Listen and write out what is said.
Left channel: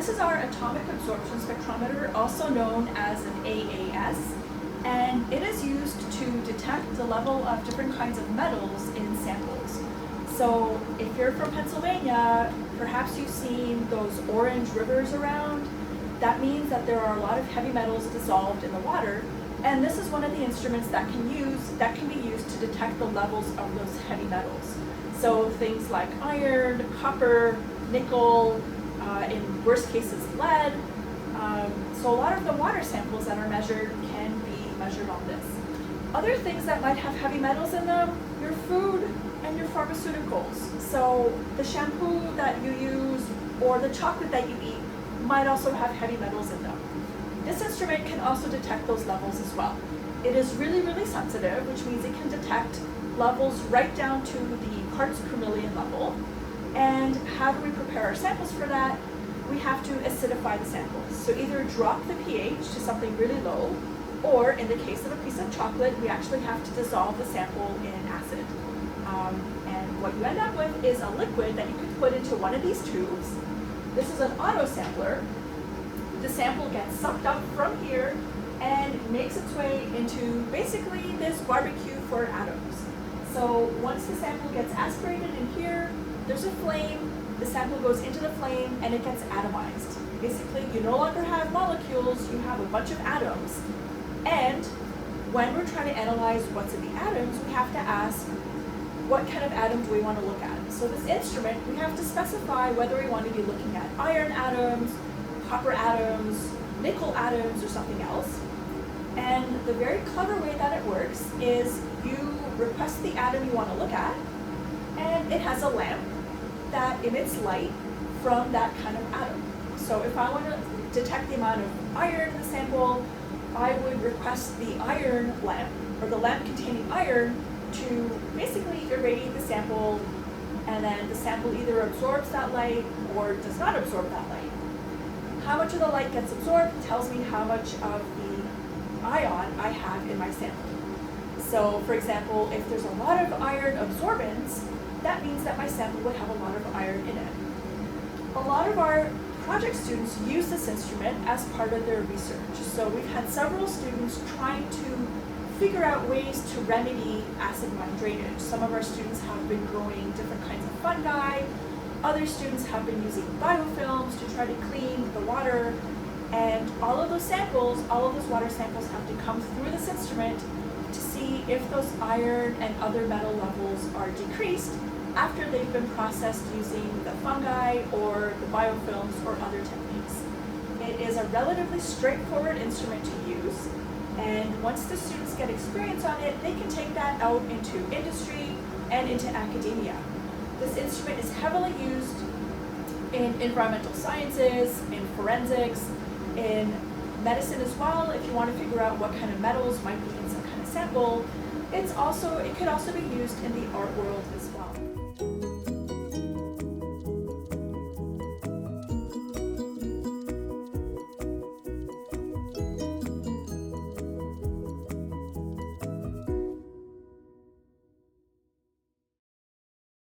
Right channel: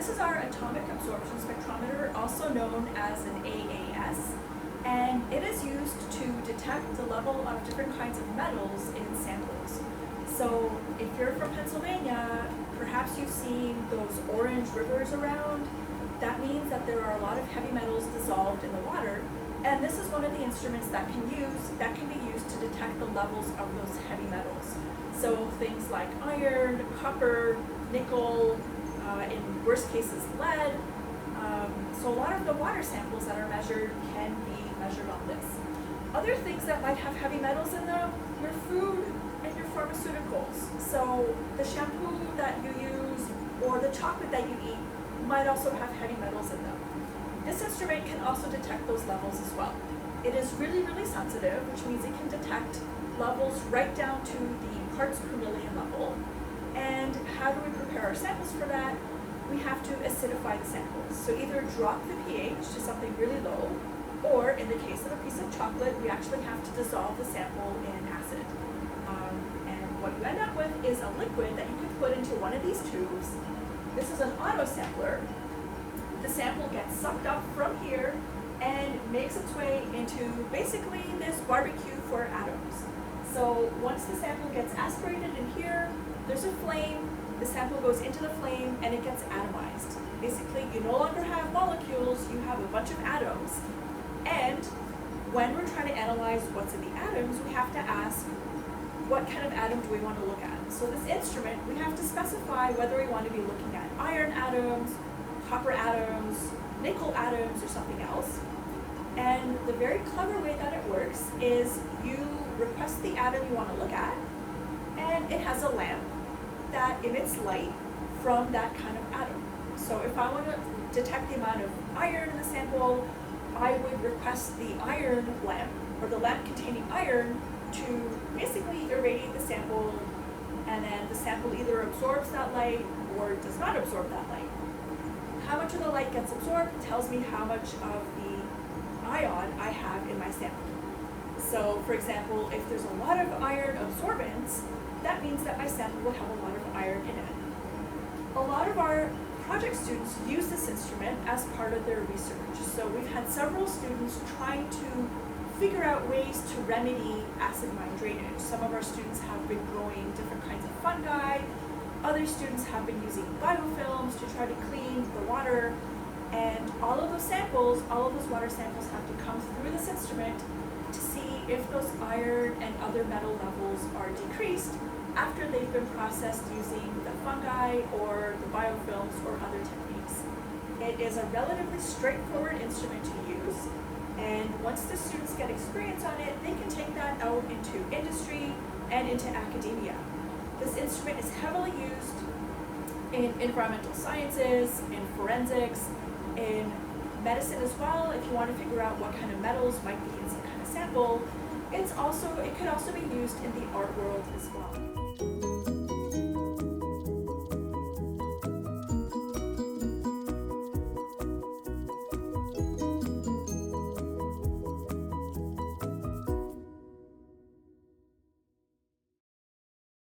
This is our Atomic Absorption Spectrophotometer, also known as an AAS, and it is used to detect the level of different kinds of metals in samples. So if you're from Pennsylvania, perhaps you've seen those orange rivers around. That means that there are a lot of heavy metals dissolved in the water, and this is one of the instruments that can be used to detect the levels of those heavy metals. So things like iron, copper, nickel, in worst cases lead. So a lot of the water samples that are measured can be measured on this. Other things that might have heavy metals in them, your food and your pharmaceuticals. So the shampoo that you use or the chocolate that you eat might also have heavy metals in them. This instrument can also detect those levels as well. It is really, really sensitive, which means it can detect levels right down to the parts per million level. And how do we prepare our samples for that? We have to acidify the samples. So either drop the pH to something really low, or in the case of a piece of chocolate, we actually have to dissolve the sample in acid. And what you end up with is a liquid that you can put into one of these tubes. This is an auto sampler. The sample gets sucked up from here and makes its way into basically this barbecue for atoms. So once the sample gets aspirated in here, there's a flame, the sample goes into the flame and it gets atomized. Basically, you no longer have molecules, you have a bunch of atoms. And when we're trying to analyze what's in the atoms, we have to ask, what kind of atom do we want to look at? So this instrument, we have to specify whether we want to be looking at iron atoms, copper atoms, nickel atoms, or something else. And the very clever way that it works is you request the atom you want to look at, and it has a lamp that emits light from that kind of atom. So if I want to detect the amount of iron in the sample, I would request the iron lamp, or the lamp containing iron, to basically irradiate the sample, and then the sample either absorbs that light or does not absorb that light. How much of the light gets absorbed tells me how much of the ion I have in my sample. So for example, if there's a lot of iron absorbance, that means that my sample would have a lot of iron in it. A lot of our project students use this instrument as part of their research. So we've had several students trying to figure out ways to remedy acid mine drainage. Some of our students have been growing different kinds of fungi. Other students have been using biofilms to try to clean the water. And all of those samples, all of those water samples have to come through this instrument to see if those iron and other metal levels are decreased after they've been processed using the fungi or the biofilms or other techniques. It is a relatively straightforward instrument to use, and once the students get experience on it, they can take that out into industry and into academia. This instrument is heavily used in environmental sciences, in forensics, in medicine as well. If you want to figure out what kind of metals might be in some kind of sample, it could also be used in the art world as well.